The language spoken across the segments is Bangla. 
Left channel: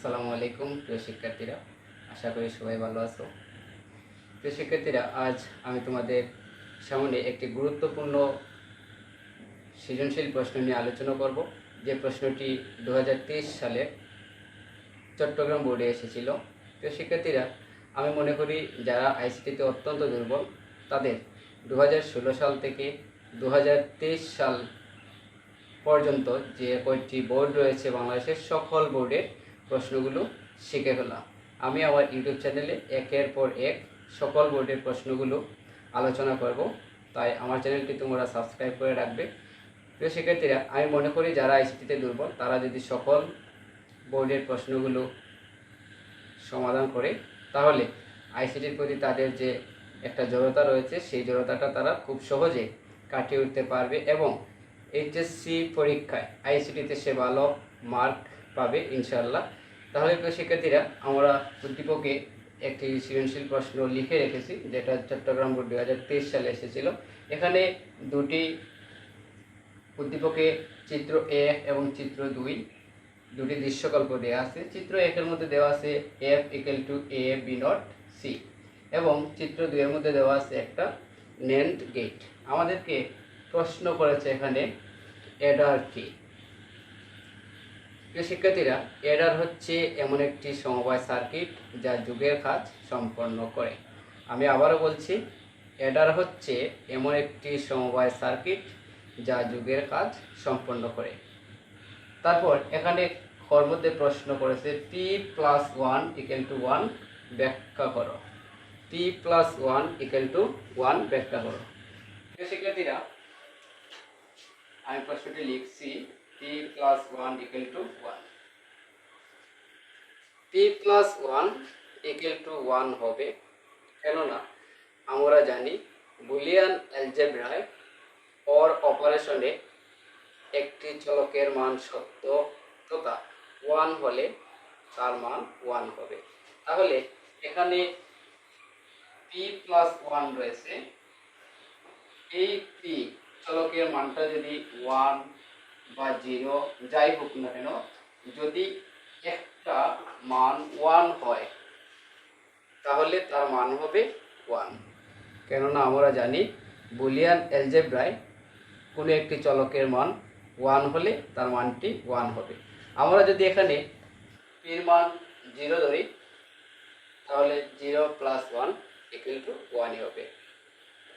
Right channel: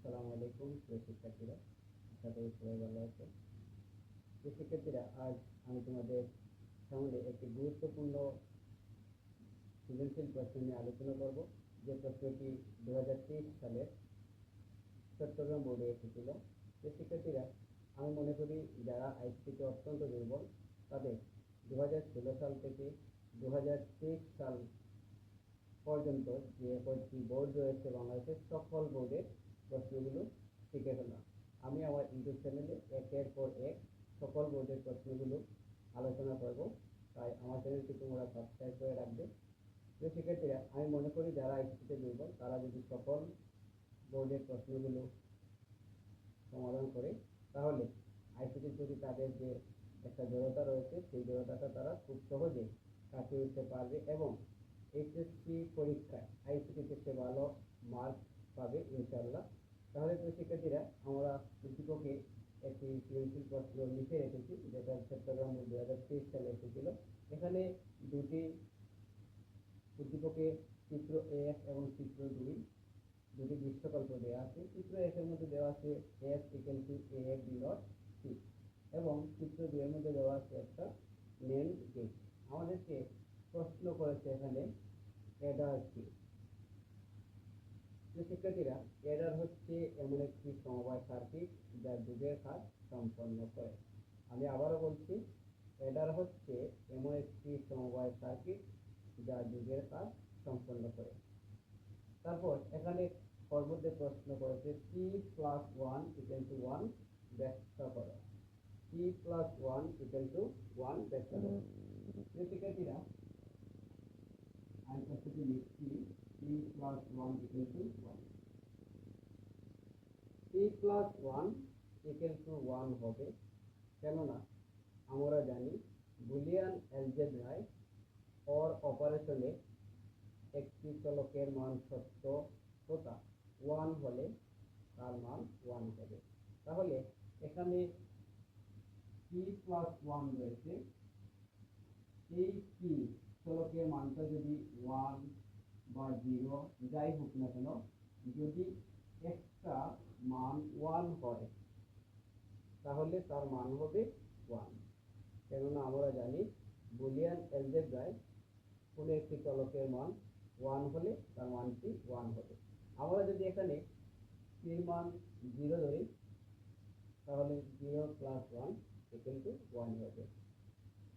আসসালামু আলাইকুম প্রিয় শিক্ষার্থীরা, আশা করি সবাই ভালো আছো। প্রিয় শিক্ষার্থীরা, আজ আমি তোমাদের সামনে একটি গুরুত্বপূর্ণ সৃজনশীল প্রশ্ন নিয়ে আলোচনা করব। যে প্রশ্নটি 2023 সালে চট্টগ্রাম বোর্ডে এসেছিল। প্রিয় শিক্ষার্থীরা, আমি মনে করি যারা আইসিটিতে অত্যন্ত দুর্বল তাদের 2016 সাল থেকে 2023 সাল পর্যন্ত যে কয়েকটি বোর্ড রয়েছে বাংলাদেশের সকল বোর্ডের প্রশ্নগুলো শিখে ফেলা। আমি আমার ইউটিউব চ্যানেলে একের পর এক সকল বোর্ডের প্রশ্নগুলো আলোচনা করব, তাই আমার চ্যানেলটি তোমরা সাবস্ক্রাইব করে রাখবে। প্রিয় শিক্ষার্থীরা, আমি মনে করি যারা আইসিটিতে দুর্বল তারা যদি সকল বোর্ডের প্রশ্নগুলো সমাধান করে তাহলে আইসিটির প্রতি তাদের যে একটা জড়তা রয়েছে সেই জড়তাটা তারা খুব সহজে কাটিয়ে উঠতে পারবে এবং এইচএসসি পরীক্ষায় আইসিটিতে সে ভালো মার্ক পাবে ইনশাআল্লাহ। তাহলে প্রিয় শিক্ষার্থীরা, আমরা উদ্দীপকে একটি সৃজনশীল প্রশ্ন লিখে রেখেছি যেটা চট্টগ্রাম বোর্ড 2023 সালে এসেছিল। এখানে দুটি উদ্দীপকে চিত্র 1 এবং চিত্র 2 দুটি দৃশ্যকল্প দেওয়া আছে। চিত্র 1 এর মধ্যে দেওয়া আছে f = a b not c এবং চিত্র 2 এর মধ্যে দেওয়া আছে একটা NAND গেট। আমাদেরকে প্রশ্ন করেছে এখানে অ্যাডার কি। প্রিয় শিক্ষার্থীরা, অ্যাডার হচ্ছে এমন একটি সমবায় সার্কিট যা যুগের কাজ সম্পন্ন করে। আমি আবারও বলছি, অ্যাডার হচ্ছে এমন একটি সমবায় সার্কিট যা যুগের কাজ সম্পন্ন করে। তারপর এখানে ওর মধ্যে প্রশ্ন করেছে p+1 = 1 ব্যাখ্যা করো। p+1 = 1 ব্যাখ্যা করো। প্রিয় শিক্ষার্থীরা, আমি প্রশ্নটি লিখছি p+1 = 1। p+1 = 1 হবে, কেননা আমরা জানি বুলিয়ান অ্যালজেব্রায় অর অপারেশনে একটি চলকের মান সত্য তথা 1 হলে তার মান 1 হবে। তাহলে এখানে p+1 রয়েছে, এই p চলকের মানটা যদি 1 বা 0 যাই হোক না কেন, যদি একটা মান 1 হয় তাহলে তার মান হবে 1। কেননা আমরা জানি বুলিয়ান অ্যালজেব্রায় কোনো একটি চলকের মান 1 হলে তার মানটি 1 হবে। আমরা যদি এখানে p এর মান 0 ধরি তাহলে 0 + 1 = 1 হবে।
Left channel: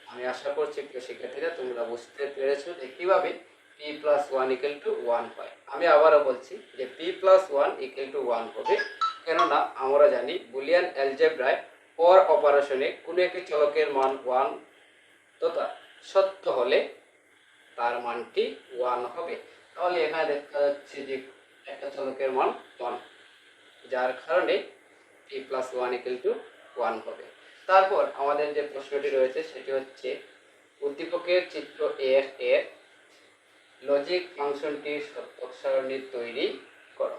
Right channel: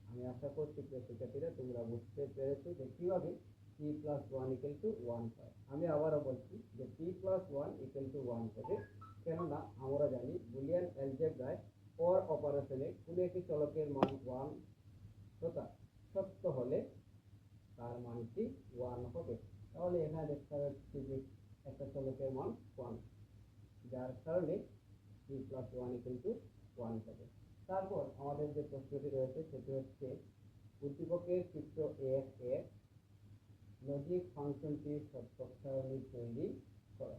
আমি আশা করছি প্রিয় শিক্ষার্থীরা তোমরা বুঝতে পেরেছো যে কীভাবে p+1 = 1 হয়। আমি আবারও বলছি যে p+1 = 1 হবে, কেননা আমরা জানি বুলিয়ান অ্যালজেব্রায় অর অপারেশনে কোনো একটি চলকের মান 1 তথা সত্য হলে তার মানটি 1 হবে। তাহলে এখানে দেখা যাচ্ছে যে একটা চলকের মান 1, যার কারণে p+1 = 1 হবে। তারপর আমাদের যে প্রশ্নটি রয়েছে সেটি হচ্ছে উদ্দীপকের চিত্র 1 এর লজিক ফাংশনটির সত্যক সারণী তৈরি করো।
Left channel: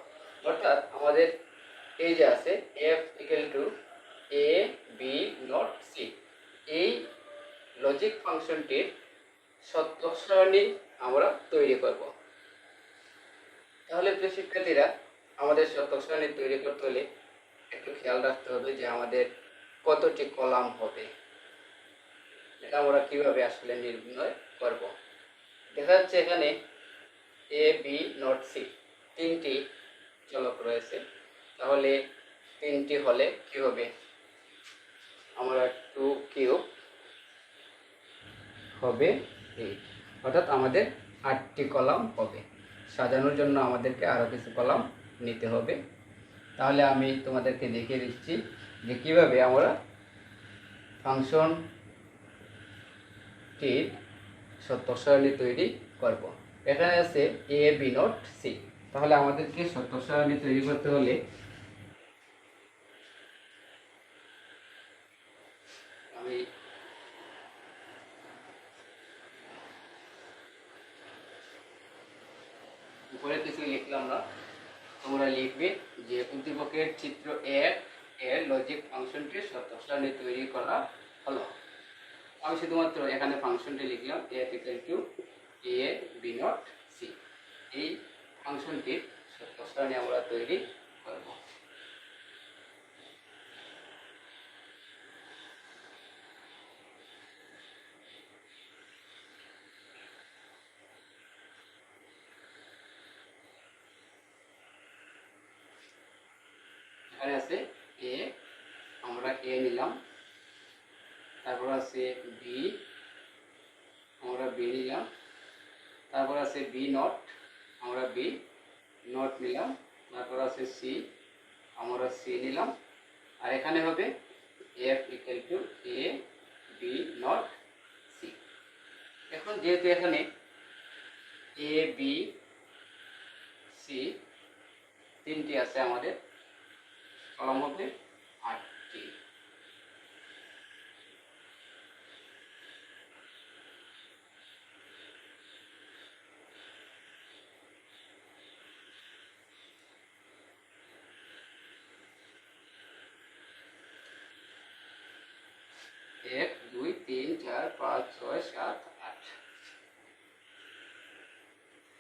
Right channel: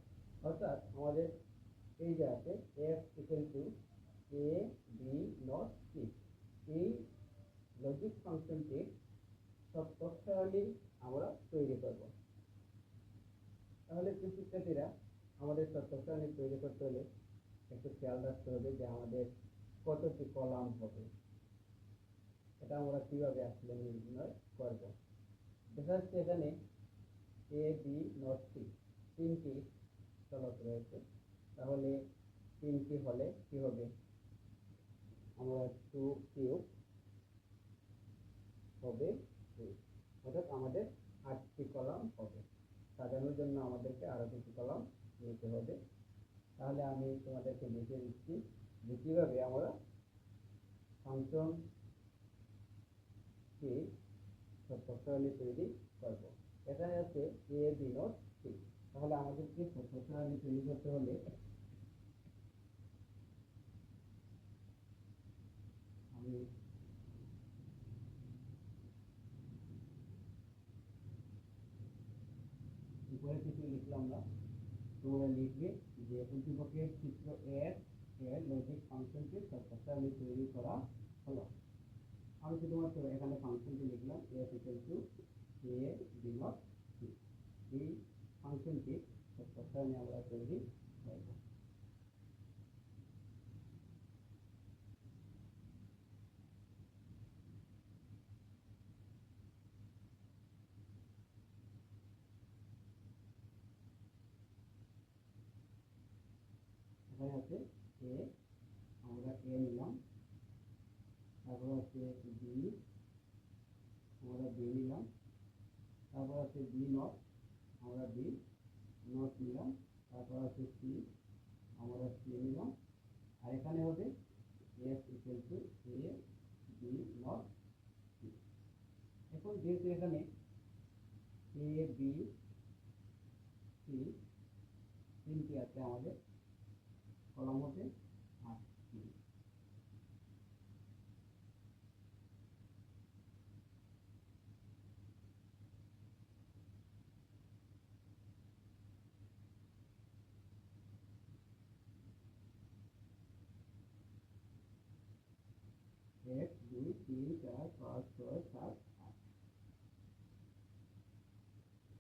অর্থাৎ আমাদের এই যে আছে f = a b not c, এই লজিক ফাংশনটির সত্যক সারণী আমরা তৈরি করব। তাহলে প্রিয় শিক্ষার্থীরা, আমাদের সত্যক সারণী তৈরি করতে হলে একটু খেয়াল রাখতে হবে যে আমাদের কতটি কলাম হবে। এটা আমরা কিভাবে আসলে নির্ণয় করব। দেখা যাচ্ছে এখানে a b নট c তিনটি চলক রয়েছে, তাহলে তিনটি হলে কি হবে, আমরা 2³ হবে 8, অর্থাৎ আমাদের 8টি কলাম হবে। সাজানোর জন্য আমাদেরকে আরও কিছু কলাম নিতে হবে। তাহলে আমি তোমাদেরকে দেখিয়ে দিচ্ছি যে কীভাবে আমরা ফাংশনটির সত্যক সারণী তৈরি করব। এখানে আছে a b নট c, তাহলে আমাদেরকে সত্যক সারণী তৈরি করতে হলে আমি উপরে কিছু লিখলাম না, তোমরা লিখবে যে উদ্দীপকের চিত্র 1 এর লজিক ফাংশনটির সত্যক সারণী তৈরি করা হলো। আমি শুধুমাত্র এখানে ফাংশনটি লিখলাম f = a b not c। এই ফাংশনটির সত্যক সারণী আমরা তৈরি করব। এখানে আছে এ, আমরা এ নিলাম, তারপর আছে বি, আমরা বি নিলাম, তারপর আছে বি নট, আমরা বি নট নিলাম, তারপর আছে সি, আমরা সি নিলাম, আর এখানে হবে F equal to A B not C. এখন যেহেতু এখানে এ বি সি তিনটি আছে, আমাদের কলাম হবে 8টি। এক, দুই, তিন, চার, পাঁচ, ছয়, সাত, আট।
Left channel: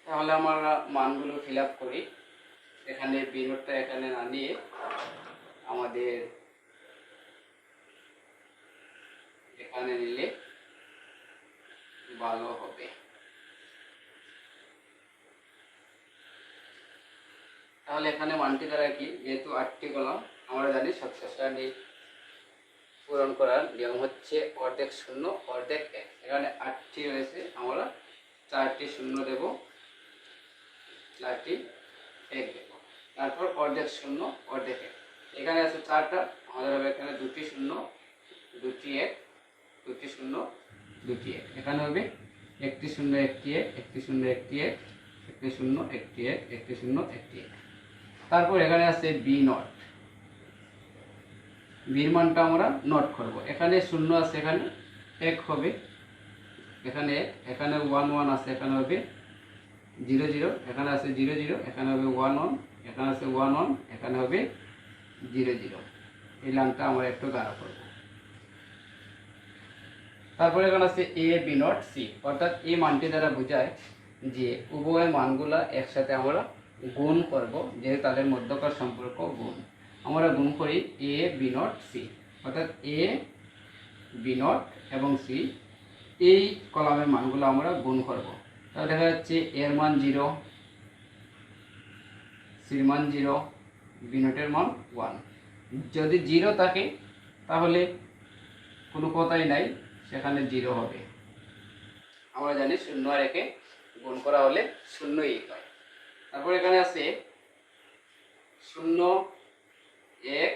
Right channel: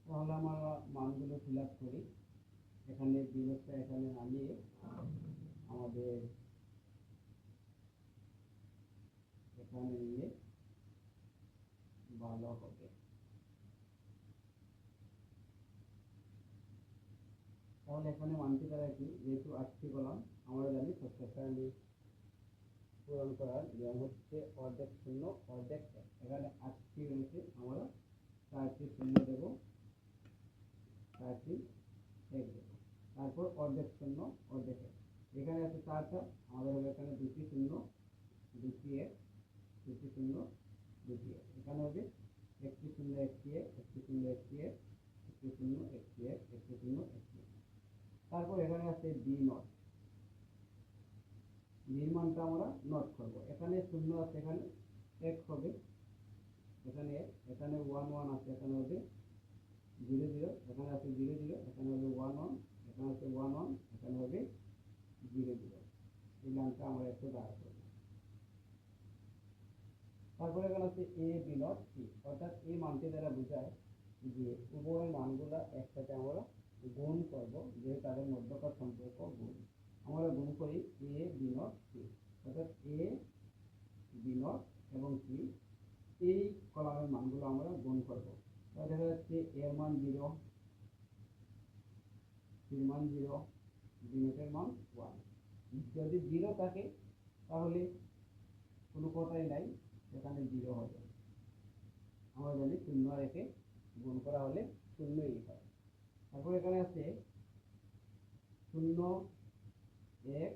তাহলে আমরা মানগুলো ফিল আপ করি। এখানে বি নোটটা এখানে না নিয়ে আমাদের এখানে নিলে ভালো হবে। তাহলে এখানে মানটি দ্বারা কি, যেহেতু 8টি কলাম, আমরা জানি সবচেয়ে সারণী পূরণ করার নিয়ম হচ্ছে অর্ধেক শূন্য অর্ধেক এক। এখানে 8টি রয়েছে, আমরা 4টি শূন্য দেব, 4টি এক দেব, তারপর অর্ধেক শূন্য অর্ধেক এক। এখানে আছে 4টা, আমাদের হবে এখানে 2টি শূন্য 2টি এক, 2টি শূন্য 2টি এক। এখানে হবে 1টি শূন্য 1টি এক, 1টি শূন্য 1টি এক, 1টি শূন্য 1টি এক, 1টি শূন্য 1টি এক। তারপর এখানে আছে বি নট, বির মানটা আমরা নোট করব। এখানে শূন্য আছে, এখানে এক হবে, এখানে এখানে 1 1 আছে, এখানে হবে 0 0, এখানে আছে 0 0, এখানে হবে 1 1, এখানে আছে 1 1, এখানে হবে 0 0। এই লাইনটা আমরা একটু গাঢ় করব। তারপরে এখানে আছে এ বি নট সি, অর্থাৎ এই মানটি দ্বারা বোঝায় যে উভয় মানগুলা একসাথে আমরা গুণ করব, যেহেতু তাদের মধ্যকার সম্পর্ক গুণ। আমরা গুণ করি এ বি নট সি, অর্থাৎ এ বি নট এবং সি, এই কলামের মানগুলো আমরা গুণ করব। তাহলে দেখা যাচ্ছে এর মান 0, সির মান 0, বি নটের মান 1। যদি 0 থাকে তাহলে কোনো কথাই নাই, সেখানে 0 হবে। আমরা জানি 0 আর 1 গুণ করা হলে 0ই হয়। তারপর এখানে আছে 0 1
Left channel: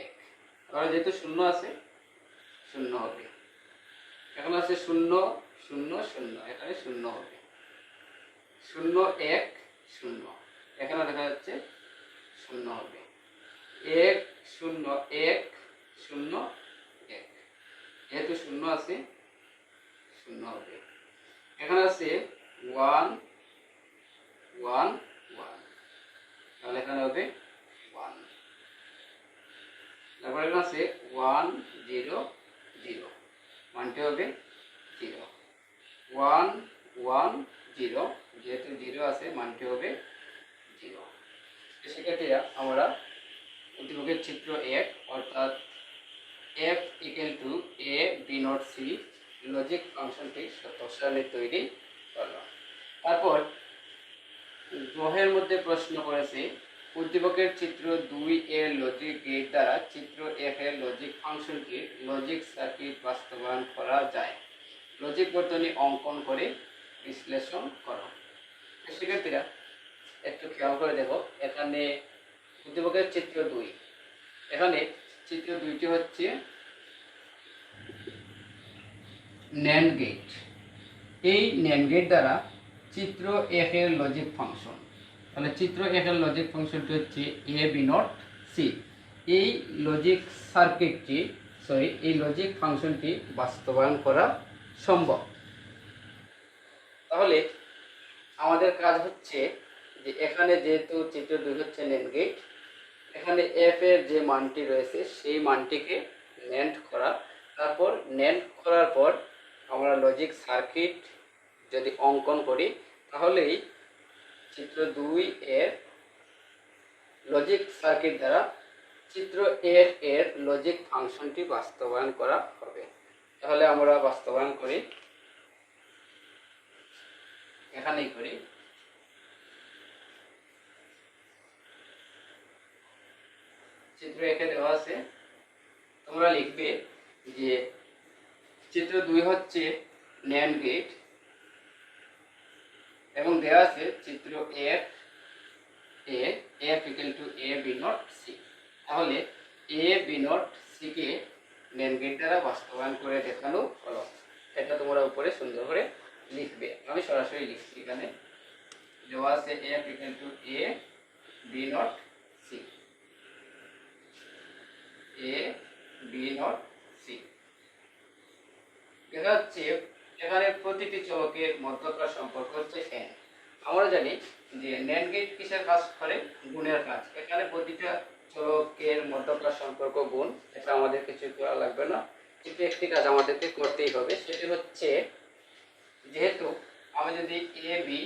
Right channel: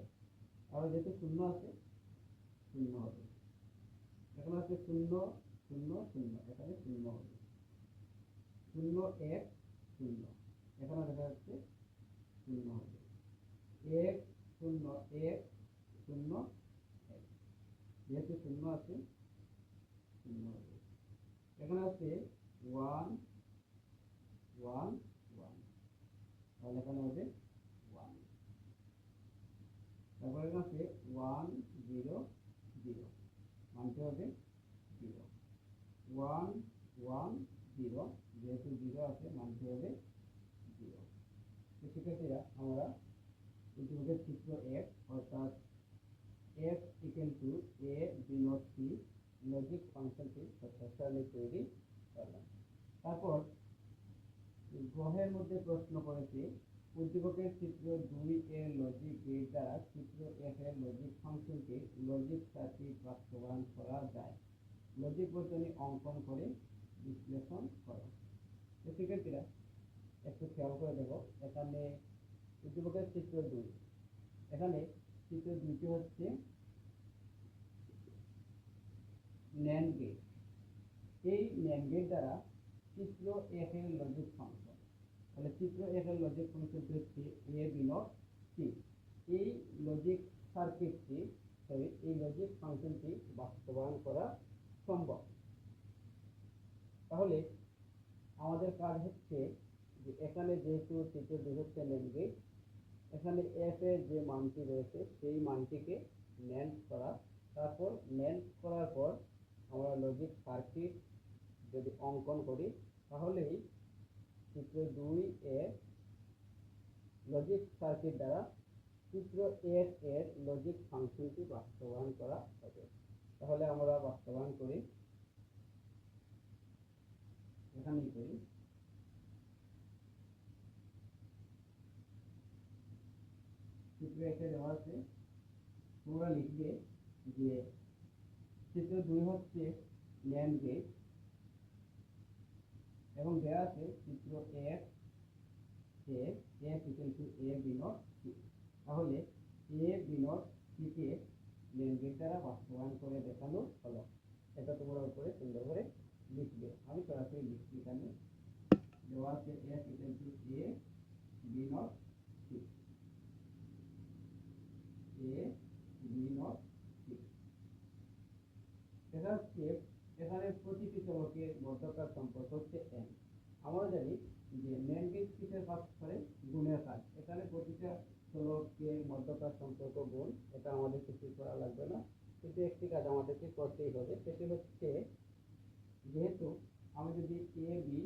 1, তাহলে যেহেতু 0 আছে 0 হবে। এখন আছে 0 0 0, এখানে 0 হবে। 0 1 0, এখানে দেখা যাচ্ছে 0 হবে। 1 0 1 0 1, যেহেতু 0 আছে 0 হবে। এখানে আছে 1 1 1, তাহলে এখানে হবে 1। তারপর এখানে আছে 1 0 0, মানটি হবে 0। 1 1 0, যেহেতু 0 আছে মানটি হবে 0। শিক্ষার্থীরা, আমরা উদ্দীপকের চিত্র 1 অর্থাৎ F equal to A B not C logic ফাংশনটি সত্যসারণী তৈরি করলাম। তারপর গ্রহের মধ্যে প্রশ্ন করেছে উদ্দীপকের চিত্র 2 এর লজিক গেট দ্বারা চিত্র 1 এর লজিক ফাংশনটি লজিক সার্কিট বাস্তবায়ন করা যায়। লজিক বর্তনী অঙ্কন করে বিশ্লেষণ করো। শিক্ষার্থীরা, একটু খেয়াল করে দেখো, এখানে উদ্দীপকের চিত্র 2, এখানে চিত্র 2টি হচ্ছে ন্যান্ড গেট। এই ন্যান্ড গেট দ্বারা চিত্র 1 এর লজিক ফাংশন, তাহলে চিত্র 1 এর লজিক ফাংশনটি হচ্ছে এ বি নট সি। এই লজিক সার্কিটটি এই লজিক ফাংশনটি বাস্তবায়ন করা সম্ভব। তাহলে আমাদের কাজ হচ্ছে যে এখানে যেহেতু চিত্র 2 হচ্ছে ন্যান্ড গেট, এখানে এফ এর যে মানটি রয়েছে সেই মানটিকে ন্যান্ড করা। তারপর ন্যান্ড করার পর আমরা লজিক সার্কিট যদি অঙ্কন করি, তাহলেই চিত্র 2 এর লজিক সার্কিট দ্বারা চিত্র 1 এর লজিক ফাংশনটি বাস্তবায়ন করা হবে। তাহলে আমরা বাস্তবায়ন করি, এখানেই করি। চিত্র 1-এ দেওয়া আছে, তোমরা লিখবে যে চিত্র 2 হচ্ছে ন্যান্ড গেট এবং দেওয়া আছে চিত্র F equal to A B not C। তাহলে A B নট C কে ন্যান্ড গেট দ্বারা বাস্তবায়ন করে দেখানো হলো। এটা তোমরা উপরে সুন্দর করে লিখবে। আমি সরাসরি লিখছি, এখানে দেওয়া আছে F equal to A B not C, A B not C। দেখা যাচ্ছে এখানে প্রতিটি চলকের মধ্যকার সম্পর্ক হচ্ছে n। আমরা জানি যে ন্যান্ড গেট কিসের কাজ করে? গুণের কাজ। এখানে প্রতিটা চলকের মধ্যকার সম্পর্ক গুণ, এটা আমাদের কিছু করা লাগবে না, কিন্তু একটি কাজ আমাদেরকে করতেই হবে, সেটি হচ্ছে যেহেতু আমি যদি এ বি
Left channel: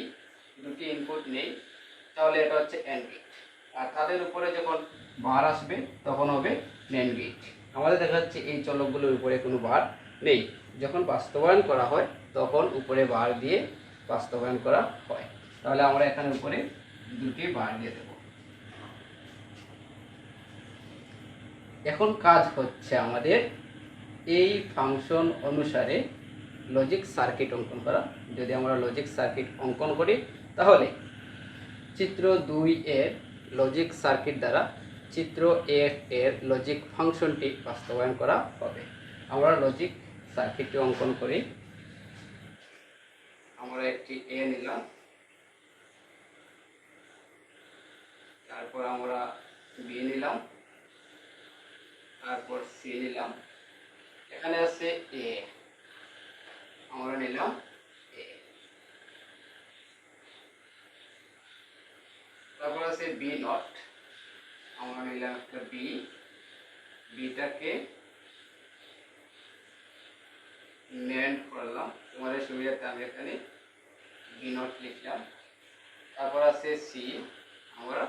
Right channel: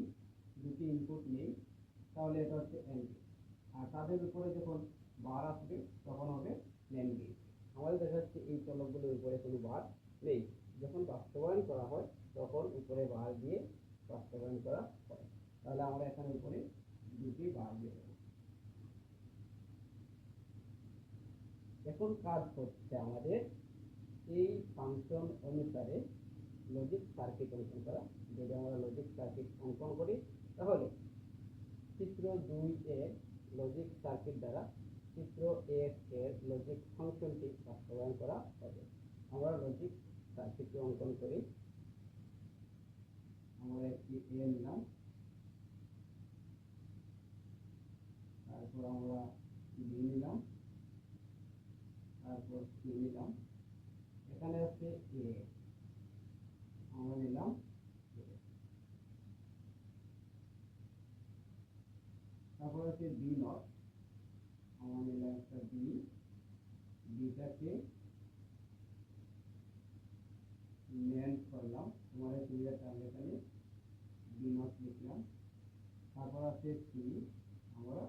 দুটি ইনপুট নেই তাহলে এটা হচ্ছে অ্যান্ড গেট, আর তাদের উপরে যখন বার আসবে তখন হবে ন্যান্ড গেট। আমাদের দেখা যাচ্ছে এই চলকগুলোর উপরে কোনো বার নেই, যখন বাস্তবায়ন করা হয় তখন উপরে বার দিয়ে বাস্তবায়ন করা হয়। তাহলে আমরা এখানে উপরে দুটি বার দিয়ে দেব। এখন কাজ হচ্ছে আমাদের এই ফাংশন অনুসারে লজিক সার্কিট অঙ্কন করা। যদি আমরা লজিক সার্কিট অঙ্কন করি তাহলে চিত্র 2 এর লজিক সার্কিট দ্বারা চিত্র F এর লজিক ফাংশনটি বাস্তবায়ন করা হবে। আমরা লজিক সার্কিটটি অঙ্কন করি। আমরা একটি A নিলাম, তারপর আমরা B নিলাম, তারপর C নিলাম, এখানে আছে A, আমরা নিলাম A, তারপর আছে B নট, আমরা নিলাম একটা B, বিটাকে ন্যান্ড করলাম, তোমাদের সুবিধাতে আমি এখানে B নট লিখলাম। তারপর আছে C, আমরা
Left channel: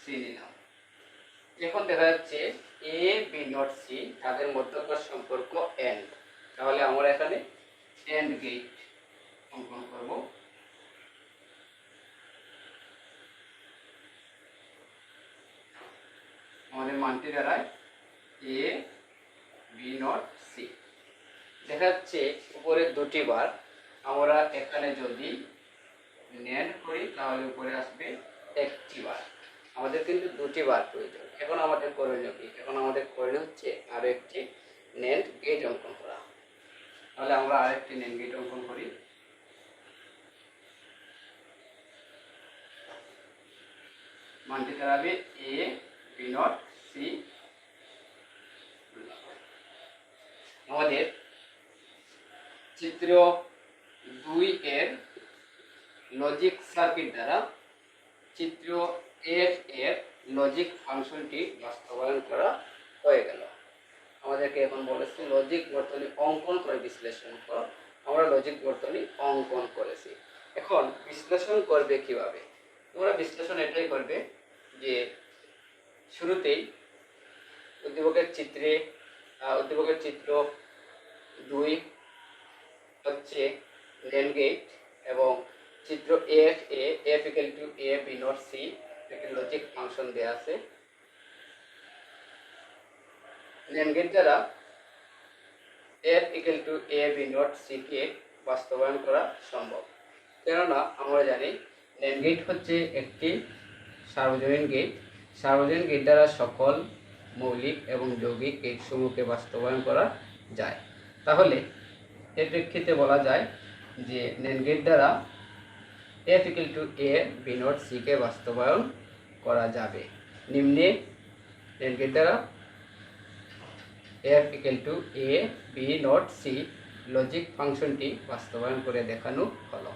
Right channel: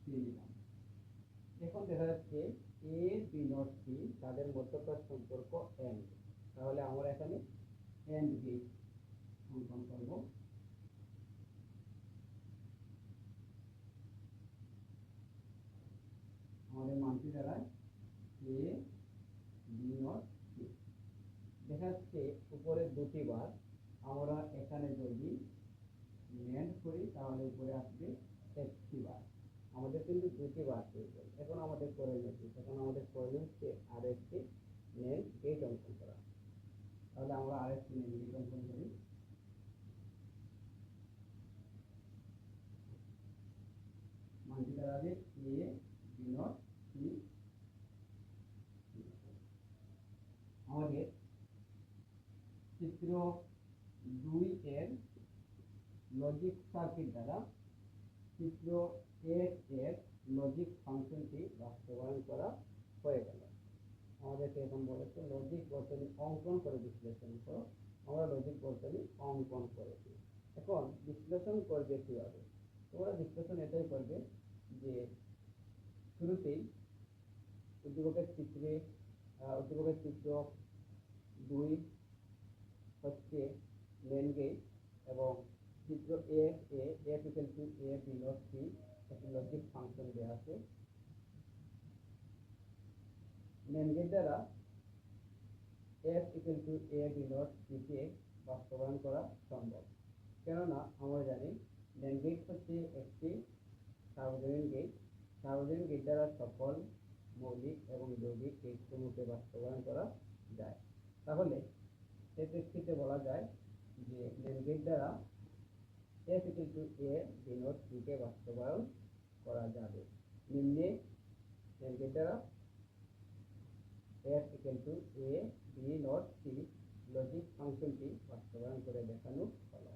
C নিলাম। এখন দেখা যাচ্ছে A B নট C তাদের মধ্যকার সম্পর্ক এন্ড, তাহলে আমরা এখানে এন্ড গেট অঙ্কন করব। আমাদের মানটি দাঁড়ায় A B নট C। দেখা যাচ্ছে উপরে দুটি বার, আমরা এখানে যদি ন্যান্ড করি তাহলে উপরে আসবে একটি বার, আমাদের কিন্তু দুটি বার প্রয়োজন। এখন আমাদের করণীয় কি? এখন আমাদের করণীয় হচ্ছে আরও একটি ন্যান্ড গেট অঙ্কন করা। তাহলে আমরা আরেকটি ন্যান্ড গেট অঙ্কন করি। মানটি দাঁড়াবে A B নট C। আমাদের চিত্র 2 এর লজিক সার্কিট দ্বারা চিত্র F এর লজিক ফাংশনটি বাস্তবায়ন করা হয়ে গেল। আমাদেরকে এখন বলেছে লজিক বর্তনী অঙ্কন করে বিশ্লেষণ করো। আমরা লজিক বর্তনী অঙ্কন করেছি। এখন বিশ্লেষণ করবে কিভাবে? তোমরা বিশ্লেষণ এটাই করবে যে শুরুতেই উদ্দীপকের চিত্র 2 হচ্ছে ন্যান্ড গেট এবং চিত্র F equal to A B not C একটি লজিক ফাংশন দেয়া আছে। ন্যান্ড গেট দ্বারা F equal to A B not C কে বাস্তবায়ন করা সম্ভব, কেননা আমরা জানি ন্যান্ড গেট হচ্ছে একটি সার্বজনীন গেট। সার্বজনীন গেট দ্বারা সকল মৌলিক এবং যৌগিক গেট সমূহকে বাস্তবায়ন করা যায়। তাহলে এর প্রেক্ষিতে বলা যায় যে ন্যান্ড গেট দ্বারা F equal to A B not C কে বাস্তবায়ন করা যাবে। নিম্নে ন্যান্ড গেট দ্বারা F equal to A B not C logic ফাংশনটি বাস্তবায়ন করে দেখানো হলো।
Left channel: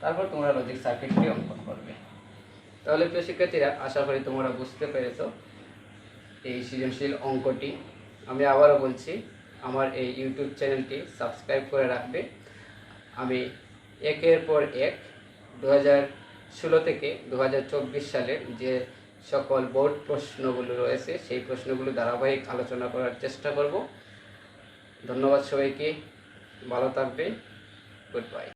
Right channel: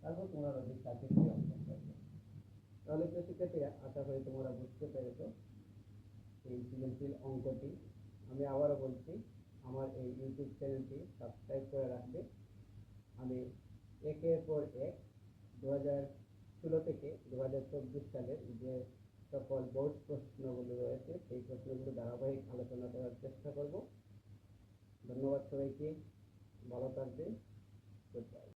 তারপর তোমরা লজিক সার্কিটটি অঙ্কন করবে। তাহলে প্রিয় শিক্ষার্থীরা, আশা করি তোমরা বুঝতে পেরেছো এই সৃজনশীল অঙ্কটি। আমি আবারও বলছি, আমার এই ইউটিউব চ্যানেলটি সাবস্ক্রাইব করে রাখবে। আমি একের পর এক 2016 থেকে 2024 সালের যে সকল বোর্ড প্রশ্নগুলো রয়েছে সেই প্রশ্নগুলো ধারাবাহিক আলোচনা করার চেষ্টা করব। ধন্যবাদ সবাইকে, ভালো থাকবে, গুড বাই।